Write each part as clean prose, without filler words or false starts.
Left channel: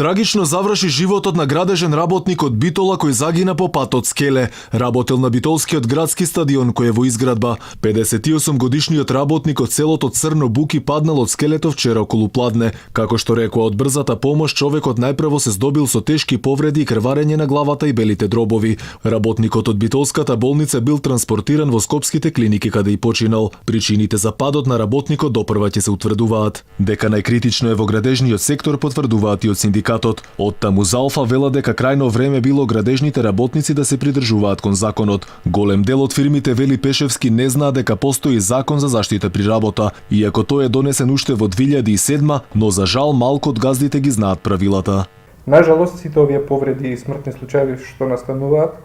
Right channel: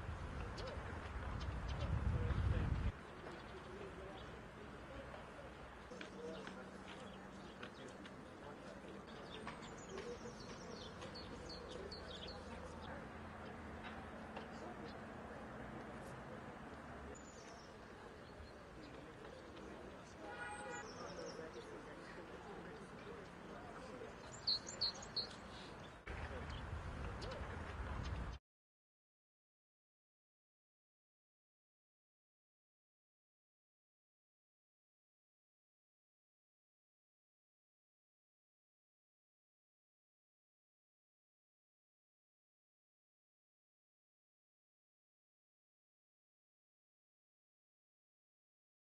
Трагично заврши животот на градежен работник од Битола кој загина по патот Скеле. Работел на Битолскиот градски стадион кој е во изградба. 58 годишниот работник од селото Црно Буки паднал од скелето вчера околу пладне. Како што рекоа од брзата помош, човекот најпрво се здобил со тешки повреди и крварење на главата и белите дробови. Работникот од Битолската болница бил транспортиран во скопските клиники каде и починал. Причините за падот на работникот допрва ќе се утврдуваат. Дека најкритично е во градежниот сектор потврдуваат и од синдикатот. Од таму Залфа вела дека крајно време било градежните работници да се придржуваат кон законот. Голем дел од фирмите, вели Пешевски, не знаа дека постои закон за заштита при работа, иако тој е донесен уште во 2007, но за жал малку од газдите ги знаат правилата. Нажалост, сите овие повреди и смртни случаи што настануваат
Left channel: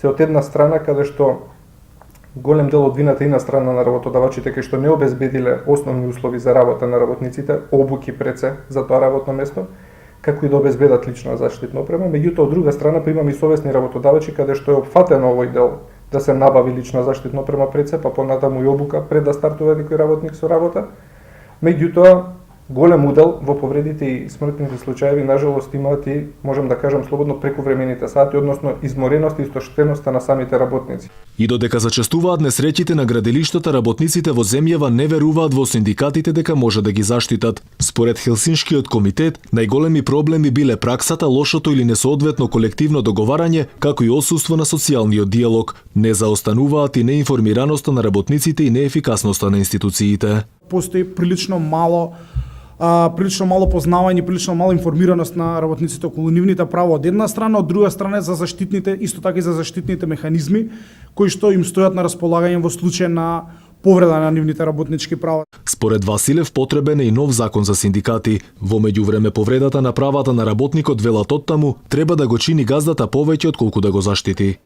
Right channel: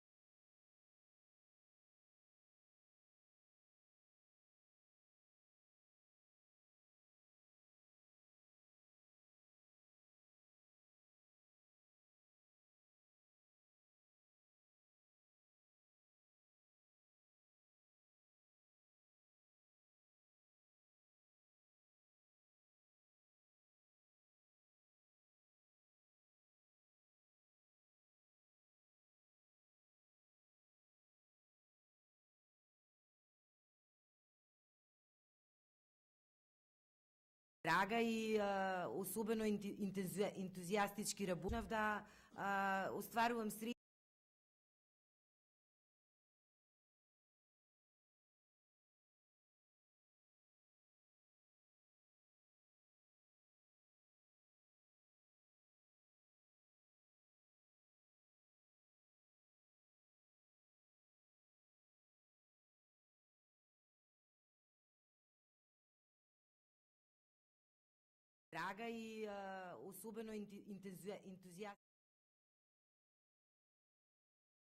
се од една страна каде што голем дел од вината и на страна на работодавачите кај што не обезбедиле основни услови за работа на работниците, обуки пред се за тоа работно место, како и да обезбедат лична заштитна опрема. Меѓутоа, од друга страна, имаме и совесни работодавачи каде што е опфатено овој дел да се набави лична заштитна опрема пред се, па понатаму и обука пред да стартува некој работник со работа. Меѓутоа, голем удел во повредите и смртните случаи, нажалост, имаат и, можем да кажам слободно, прековремените сати, односно измореност и истоштеноста на самите работници. И додека зачестуваат несреќите на граделиштата, работниците во земјава не веруваат во синдикатите дека може да ги заштитат. Според Хелсиншкиот комитет, најголеми проблеми биле праксата, лошото или несоодветно колективно договарање, како и отсуство на социјалниот диалог. Не заостануваат и неинформираноста на работниците и неефикасноста на институциите. Постои прилично мало познавање, прилично мало информираност на работниците околу нивните права од една страна, од друга страна за заштитните, исто така и за заштитните механизми кои што им стојат на располагање во случај на повреда на нивните работнички права. Според Василев потребен е и нов закон за синдикати. Во меѓувреме повредата на правата на работникот, велат оттаму, треба да го чини газдата повеќе од колку да го заштити.